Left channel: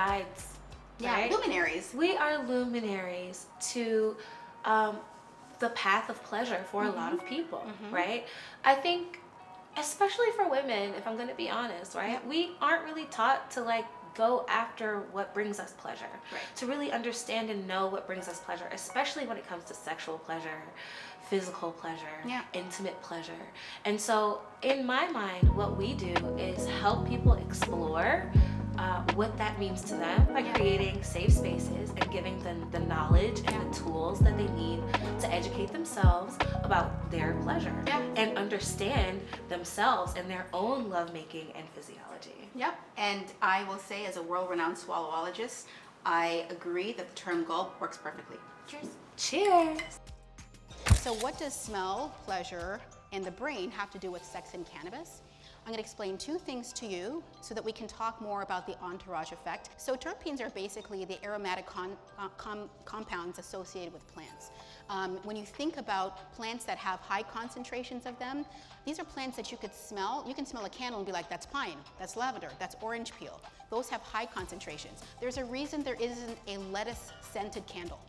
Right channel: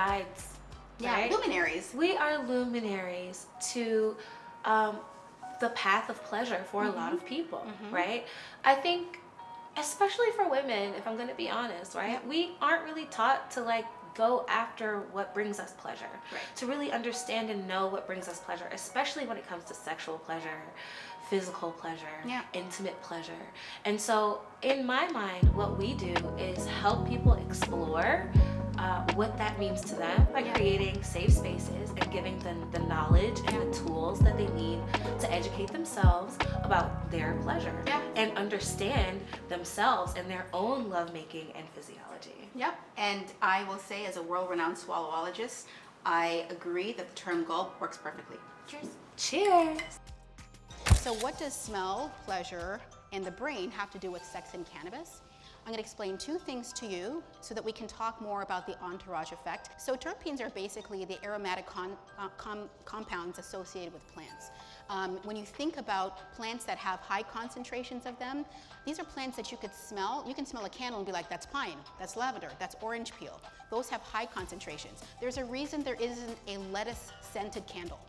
guides. Yeah, right? luminaries. We are luminaries to the path of pleasure for a lot of people, right? I think, especially for women, if I'm going to be honest, right? We aren't really taught to like go after what brings us pleasure, to really understand and know what brings us pleasure, especially when it comes to sexual pleasure, physical pleasure, intimate pleasure. And so in my mind, what we do is help people explore what that means to them by creating safe spaces and giving them the knowledge and the tools that they need to educate themselves about their pleasure and understand themselves and their own lovemaking and physiology. Yep. And I will say, as a world-renowned swallowologist, I agree that the term gulp works perfectly. Cheers. Cheers. So what does smell, pleasure, and the brain have to do with sex and cannabis? I'm going to explain two things to you so that we can talk more about the entourage effect. So terpenes are basically the aromatic compounds associated with plants. When you think about plants that have high concentrations of them, these are plants that you could smell. You can smell a candle and be like, that's pine, that's lavender, that's orange peel. Those have high concentrations. There's a reason there isn't a lettuce scented candle.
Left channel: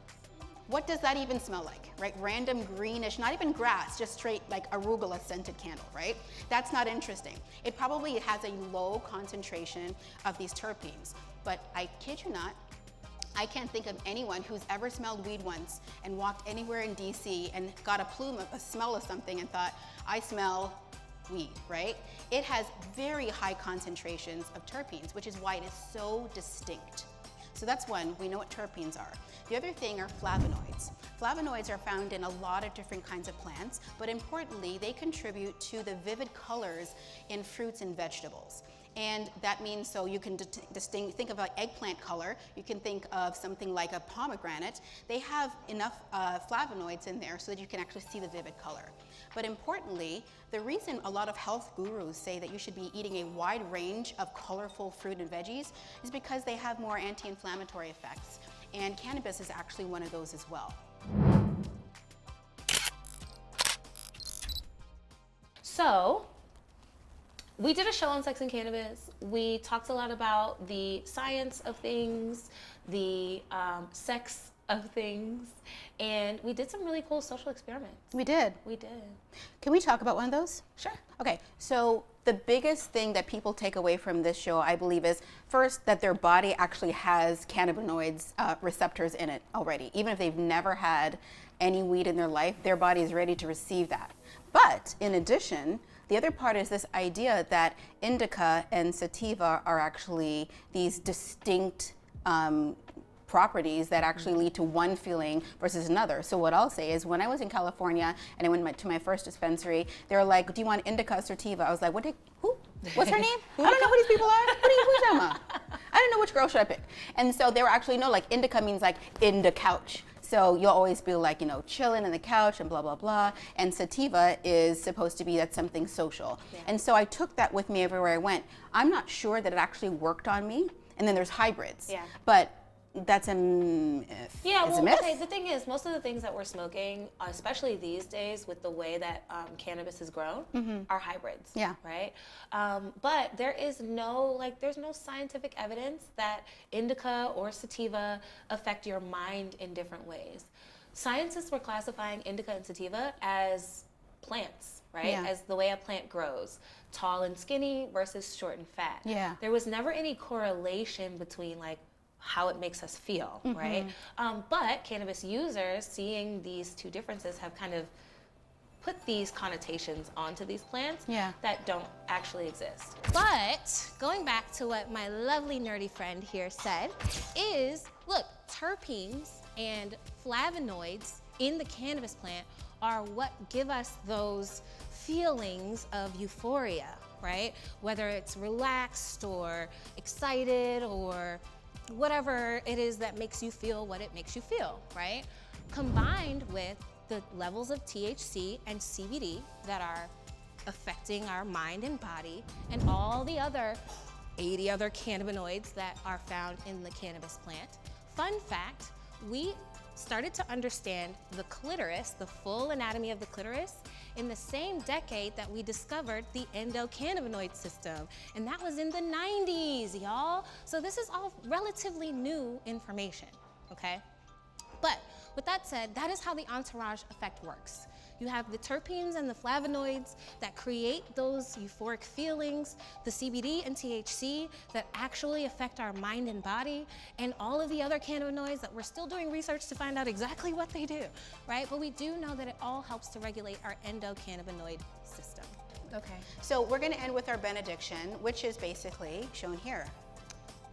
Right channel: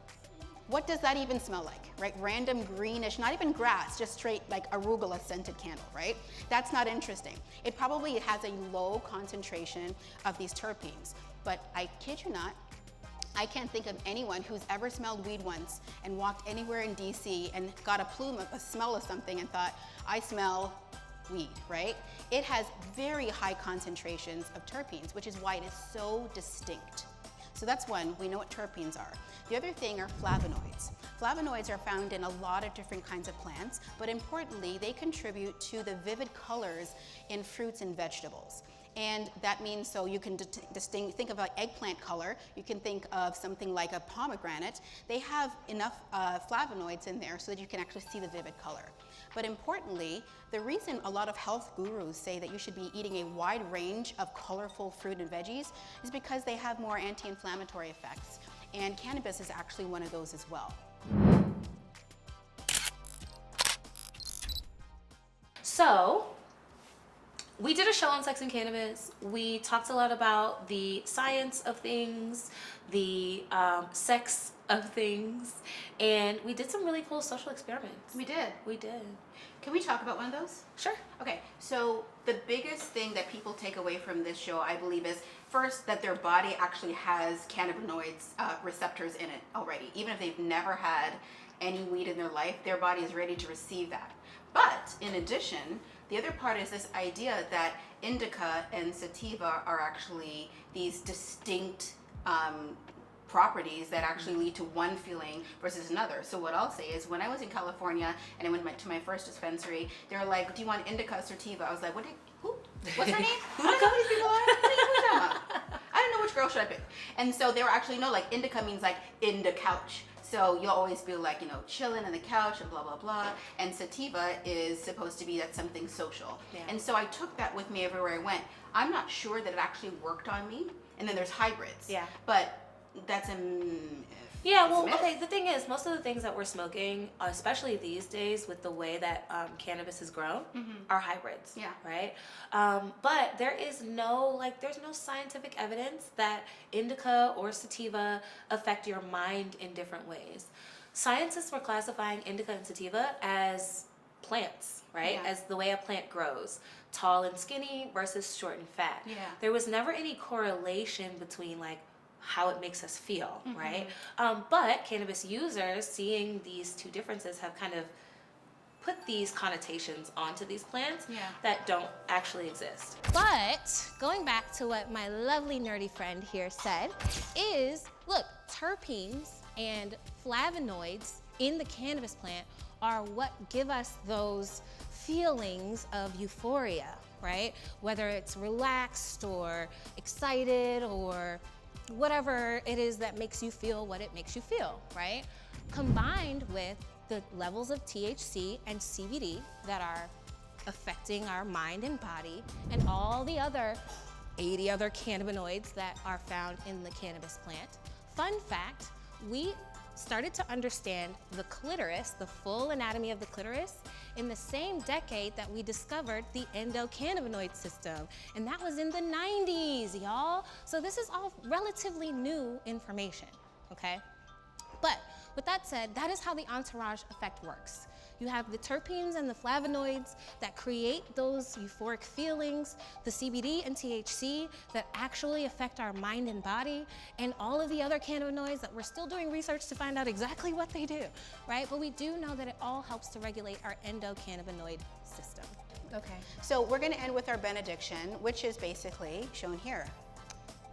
What does that even smell like, right? Random greenish, not even grass, just straight like arugula scented candle, right? That's not interesting. It probably has a low concentration of these terpenes, but I kid you not, I can't think of anyone who's ever smelled weed once and walked anywhere in DC and got a plume of a smell of something and thought, I smell weed, right? It has very high concentrations of terpenes, which is why it is so distinct. So that's one, we know what terpenes are. The other thing are flavonoids. Flavonoids are found in a lot of different kinds of plants, but importantly, they contribute to the vivid colors in fruits and vegetables. And that means, so you can think of like eggplant color, you can think of something like a pomegranate. They have enough flavonoids in there so that you can actually see the vivid color. But importantly, the reason a lot of health gurus say that you should be eating a wide range of colorful fruit and veggies is because they have more anti-inflammatory effects. And cannabis is actually one of those as well. So, we did a show on sex and cannabis. We talked a lot about the science of things, the sex of things, and we did some really cool social experiments. We did. We did. Can we talk about one of those? Sure. Okay, so the biggest thing that people take away from this show, I believe, is first that their body actually has cannabinoids receptors in it already. Even if they've never had any weed in their life, their body is ready to receive that. But in addition, the other part is this idea that indica and sativa are actually these distinct properties that actually lead to one feeling versus another. So what I'll say is, when I was in California and I went to my first dispensary, they were like, do you want indica or sativa? I was like, who? What's her name? I don't know who these people are. What are you talking about? I don't know which girl should I pick. And so they were actually, no, like indica means like in the couch. So you'll always be like, you know, chilling on the couch and blah, blah, blah. And sativa is supposed to be that's something social. Yeah. And so I took that with me everywhere I went. I'm not sure that it actually worked on me. And then there's hybrids. Yeah. But that's a myth. Yeah, well, okay, the thing is, most of the things that we're smoking, especially these days with the way that cannabis is grown, are hybrids. Yeah. Right? But there is there's no scientific evidence that indica or sativa affect your mind in different ways. Scientists were classifying indica and sativa as plants, right? Yeah. As the way a plant grows. Tall and skinny versus short and fat. Yeah. There was never any correlation between like how it makes us feel, right? But cannabis users, seeing these two differences, have kind of put these connotations onto these plants that don't actually exist. But going back to what my lovely nerdy friend here said is, look, terpenes and flavonoids in the cannabis plant are what give us those feelings of euphoria, right? Whether it's relaxed or excited or whatever it is that makes you feel what it makes you feel, right? Combined with the levels of THC and CBD that are affecting our mind and body, and all the other 80 other cannabinoids that are found in the cannabis plant. Fun fact, we started to understand the clitoris, the full anatomy of the clitoris, in the same decade that we discovered the endocannabinoid system. And that was in the 90s, y'all. So this is all relatively new information, okay? But with that said, that is how the entourage effect works. You have the terpenes and the flavonoids that create those euphoric feelings, the CBD and THC that actually affect our mind and body, and all of the other cannabinoids that we're still doing research to find out exactly what they do, right? But we do know that it all helps to regulate our endocannabinoid system. Okay. So we're going to end with our benediction, which is basically shown here.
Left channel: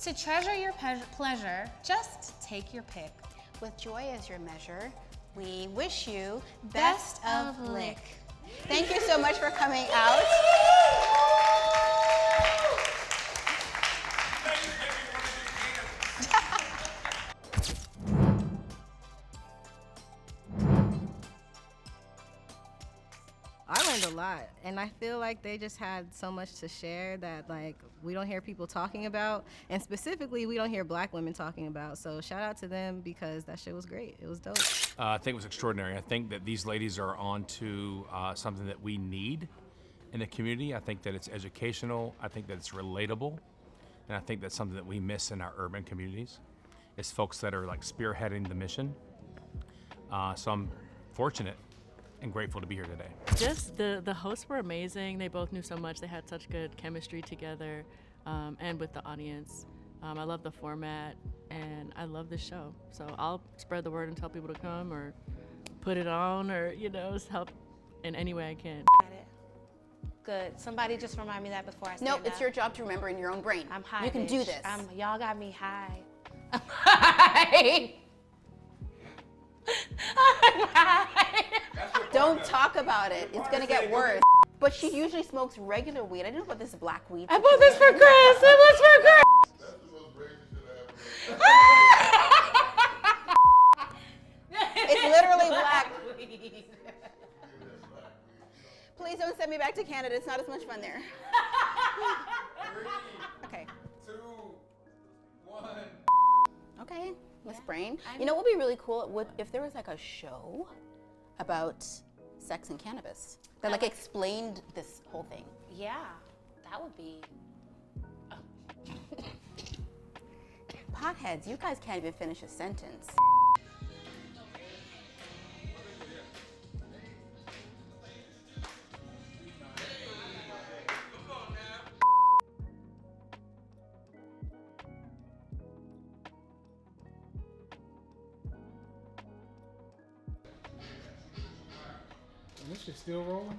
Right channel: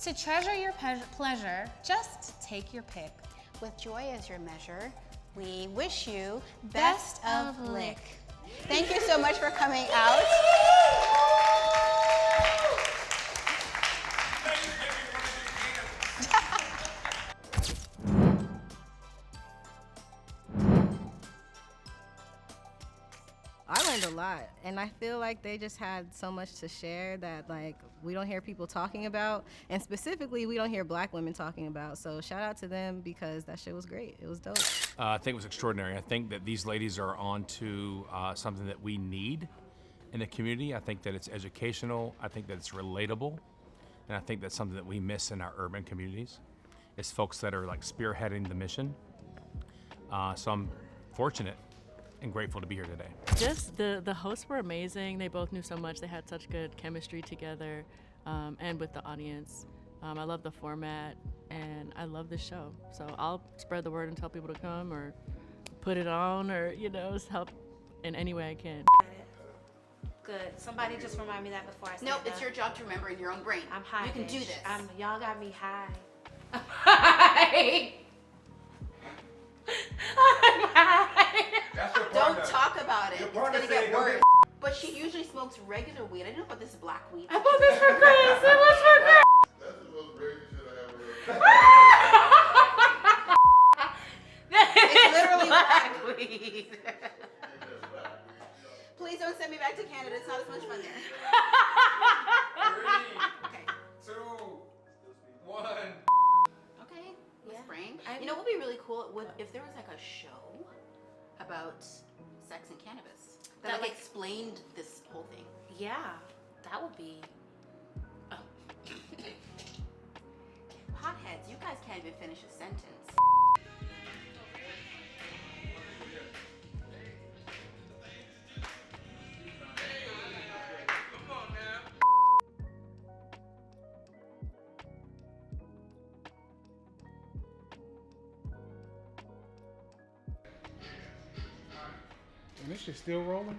To treasure your pleasure, just take your pick. With joy as your measure, we wish you best of lick. Thank you so much for coming out. I learned a lot, and I feel like they just had so much to share that like we don't hear people talking about, and specifically we don't hear Black women talking about. So shout out to them because that shit was great. It was dope. I think it was extraordinary. I think that these ladies are on to something that we need in the community. I think that it's educational. I think that it's relatable, and I think that's something that we miss in our urban communities. It's folks that are like spearheading the mission. So I'm fortunate and grateful to be here today. Just the hosts were amazing. They both knew so much. They had such good chemistry together and with the audience. I love the format and I love the show. So I'll spread the word and tell people to come or put it on or, just help in any way I can. Good. Somebody just remind me that before I say Nope, that. it's your job to remember in your own brain. I'm high. You can bitch. do this. Y'all got me high. I'm high. I'm high. Don't talk about it. It's gonna get worse. But she usually smokes regular weed. I didn't know about this black weed. I bought this for Chris. It was for Chris. That's the most crazy shit I ever heard. It's literally black weed. Please don't send me back to Canada. It's not as much fun there. Okay. 2, 1. Okay, Miss Brain. You know what would be really cool if there was like a show about sex and cannabis that like explained this whole thing. Yeah, that would be. Potheads, you guys can't even finish a sentence. And this shit's still rolling?